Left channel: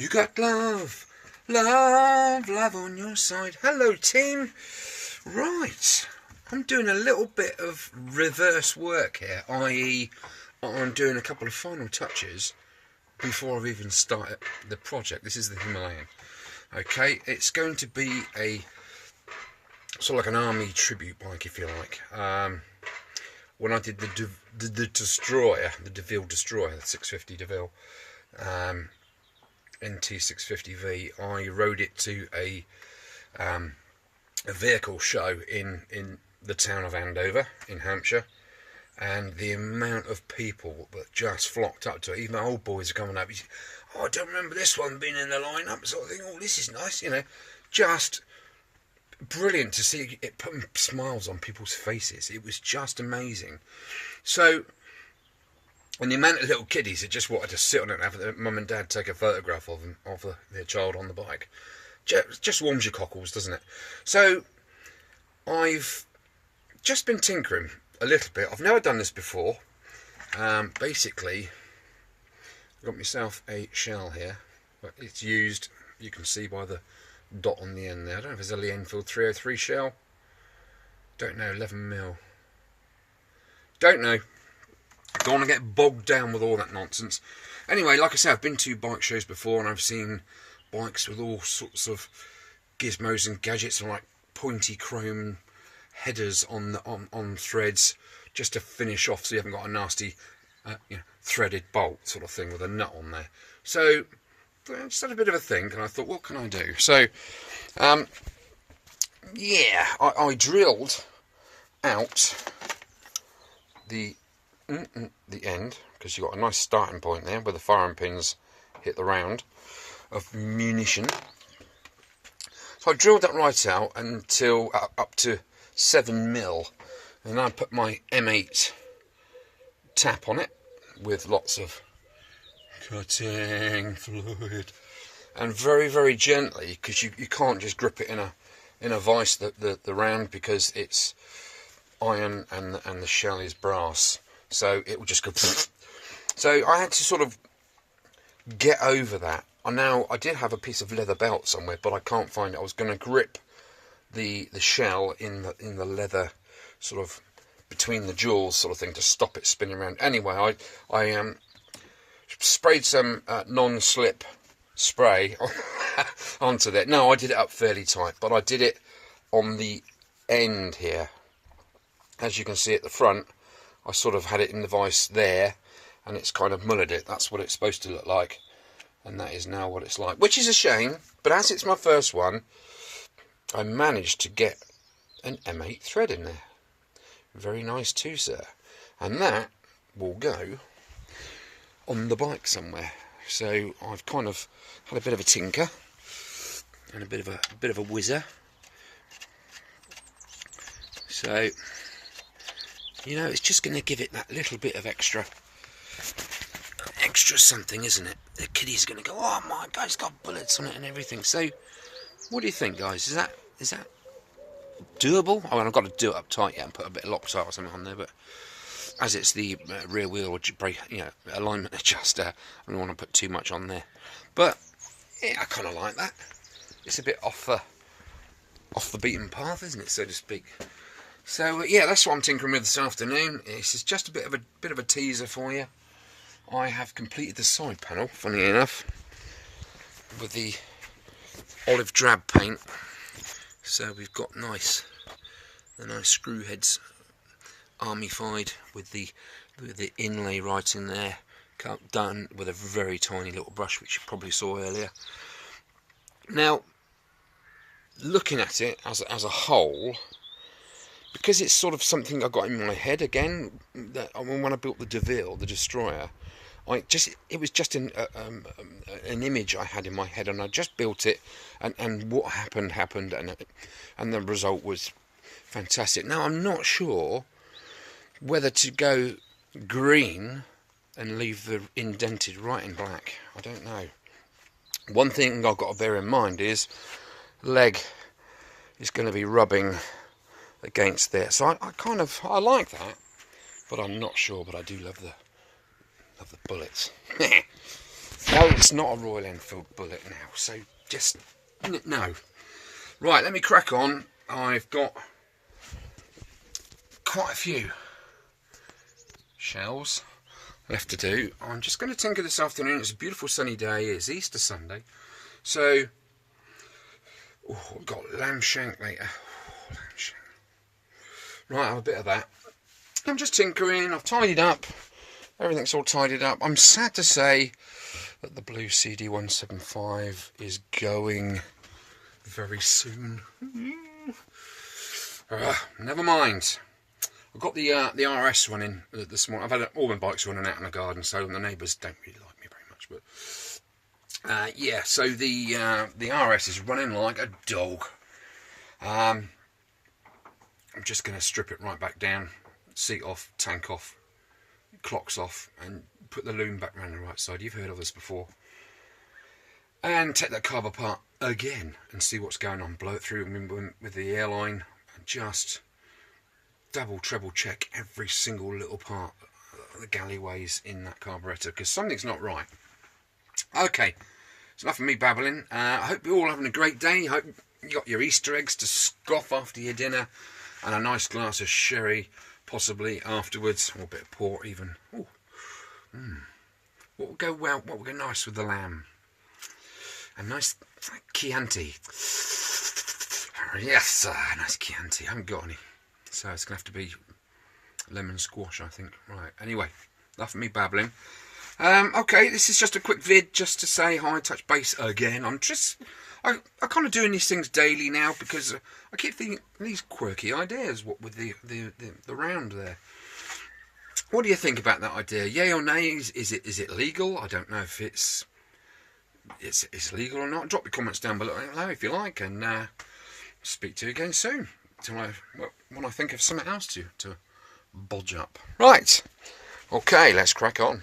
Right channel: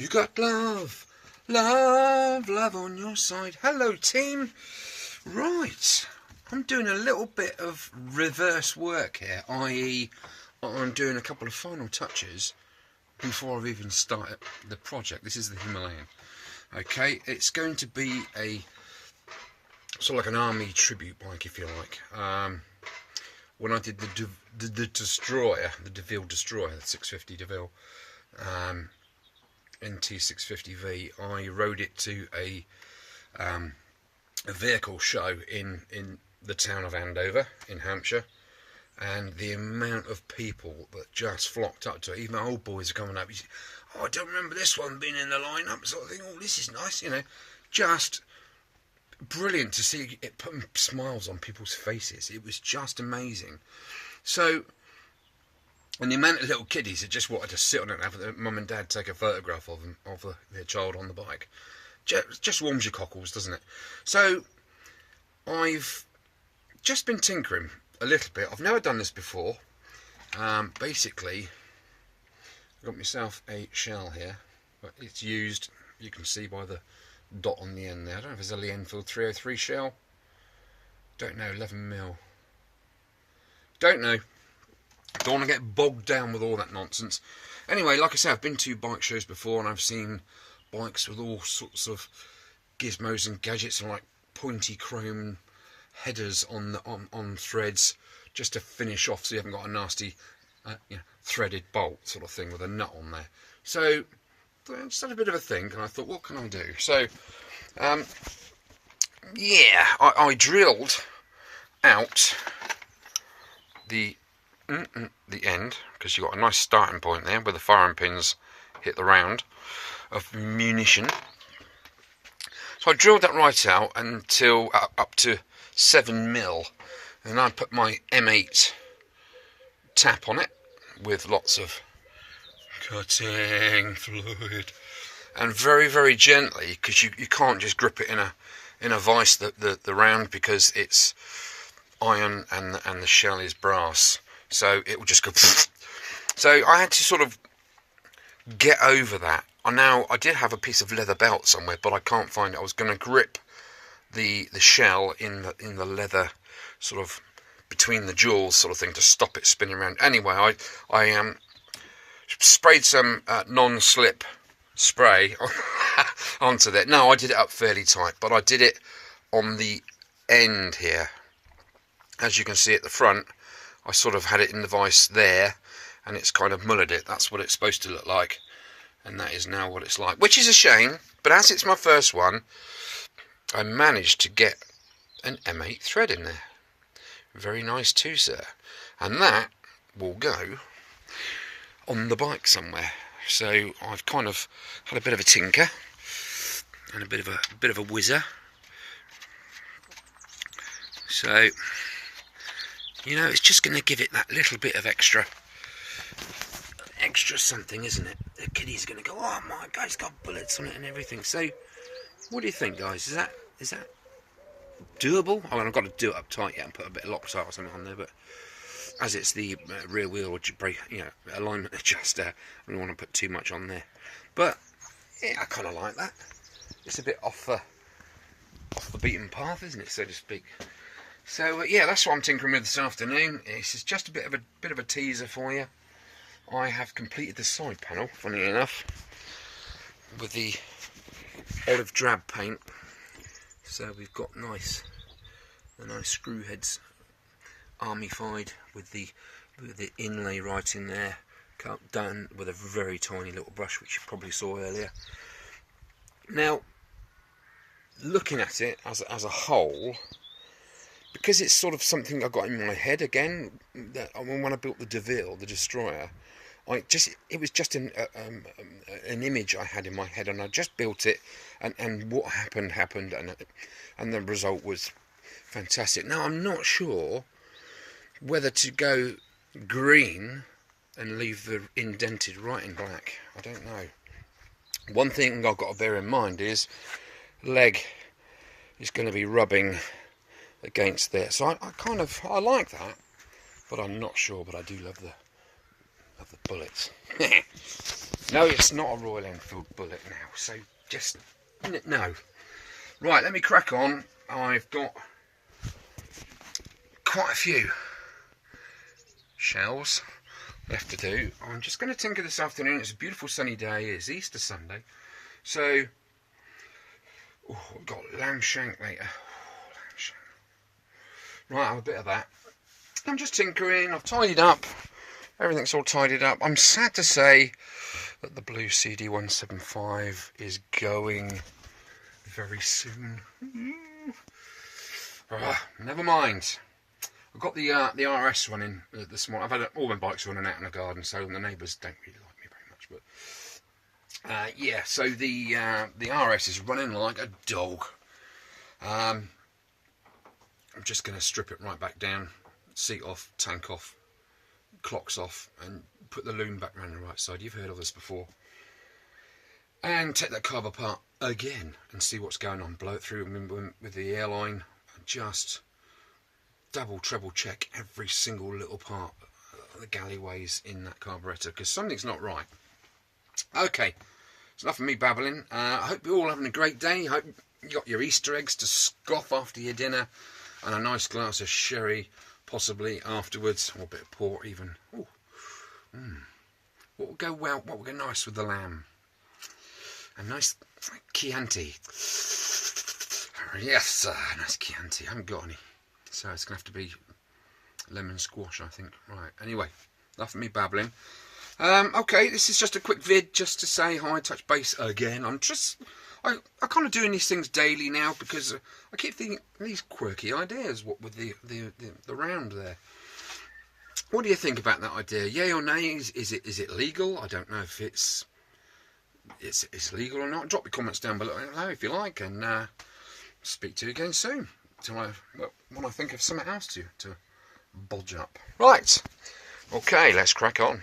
You got love, love, love on your side. Hello, team. Right, I'm doing a little bit of reverse work here, i.e. I'm doing a couple of final touches before I've even started the project. This is the Himalayan. Okay, it's going to be a sort of like an army tribute bike, if you like. When I did the Destroyer, the DeVille Destroyer, the 650 DeVille NT650V, I rode it to a vehicle show in the town of Andover in Hampshire, and the amount of people that just flocked up to it, even the old boys are coming up. Oh, I don't remember this one being in the lineup, sort of thing. Oh, this is nice, you know. Just brilliant to see it putting smiles on people's faces. It was just amazing. So, and the amount of little kiddies that just wanted to sit on it and have their mum and dad take a photograph of them, their child on the bike. Just warms your cockles, doesn't it? So, I've just been tinkering a little bit. I've never done this before. Basically, I've got myself a shell here, but it's used, you can see by the dot on the end there. I don't know if it's a Lee Enfield 303 shell. Don't know, 11mm. Don't know. Don't want to get bogged down with all that nonsense. Anyway, like I said, I've been to bike shows before and I've seen bikes with all sorts of gizmos and gadgets and like pointy chrome headers on threads just to finish off so you haven't got a nasty threaded bolt sort of thing with a nut on there. So I just had a bit of a think and I thought, what can I do? So yeah, I drilled out the end, because you've got a nice starting point there where the firing pins hit the round of munition. So I drilled that right out until up to 7mm, and I put my M8 tap on it with lots of cutting fluid, and very, very gently, because you can't just grip it in a vice, the round, because it's iron and the shell is brass, so it will just go. So I had to sort of get over that. Now I did have a piece of leather belt somewhere, but I can't find it. I was going to grip the shell in the leather, sort of between the jewels, sort of thing, to stop it spinning around. Anyway, I sprayed some non-slip spray onto that. No, I did it up fairly tight, but I did it on the end here. As you can see at the front, I sort of had it in the vice there, and it's kind of mullered it. That's what it's supposed to look like, and that is now what it's like, which is a shame, but as it's my first one, I managed to get an M8 thread in there. Very nice too, sir. And that will go on the bike somewhere. So I've kind of had a bit of a tinker and a bit of a whizzer. So, you know, it's just going to give it that little bit of extra something, isn't it? The kiddie's going to go, oh my God, it's got bullets on it and everything. So, what do you think, guys? Is that doable? I mean, I've got to do it up tight yet and put a bit of Loctite or something on there, but as it's the rear wheel brake, alignment adjuster, I don't want to put too much on there. But yeah, I kind of like that. It's a bit off the beaten path, isn't it, so to speak? So yeah, that's what I'm tinkering with this afternoon. This is just a bit of a teaser for you. I have completed the side panel, funny enough, with the olive drab paint. So we've got the nice screw heads army-fied with the inlay right in there, done with a very tiny little brush, which you probably saw earlier. Now, looking at it as a whole, because it's sort of something I got in my head again, that when I built the DeVille, the Destroyer, it was just an image I had in my head, and I just built it, and what happened, and the result was fantastic. Now I'm not sure whether to go green and leave the indented right in black. I don't know. One thing I've got to bear in mind is leg is going to be rubbing against there, so I like that, but I'm not sure. But I do love the bullets. No, it's not a Royal Enfield bullet now, so just, no. Right, let me crack on. I've got quite a few shells left to do. I'm just going to tinker this afternoon. It's a beautiful sunny day. It's Easter Sunday. So, I've got lamb shank later. Lamb shank. Right, I'll have a bit of that. I'm just tinkering. I've tidied up. Everything's all tidied up. I'm sad to say that the blue CD175 is going very soon. Never mind. I've got the RS running this morning. I've had all my bikes running out in the garden, so the neighbours don't really like me very much. But yeah, so the RS is running like a dog. I'm just going to strip it right back down, seat off, tank off, clocks off, and put the loom back around the right side. You've heard of this before. And take that carb apart again and see what's going on. Blow it through with the airline and just double, treble check every single little part of the galleyways in that carburettor, because something's not right. Okay, it's enough of me babbling. I hope you're all having a great day. I hope you got your Easter eggs to scoff after your dinner and a nice glass of sherry possibly afterwards, or a bit of port even. Ooh. What would go well, what would go nice with the lamb? A nice Chianti. Yes, nice Chianti. I haven't got any. So it's going to have to be lemon squash, I think. Right, anyway, enough of me babbling. Okay, this is just a quick vid just to say hi, touch base again. I'm kind of doing these things daily now because I keep thinking these quirky ideas. What with the round there. What do you think about that idea? Yay or nay? Is it legal? I don't know if it's legal or not. Drop your comments down below if you like, and speak to you again soon. When I think of something else to bodge up. Right. Okay, let's crack on.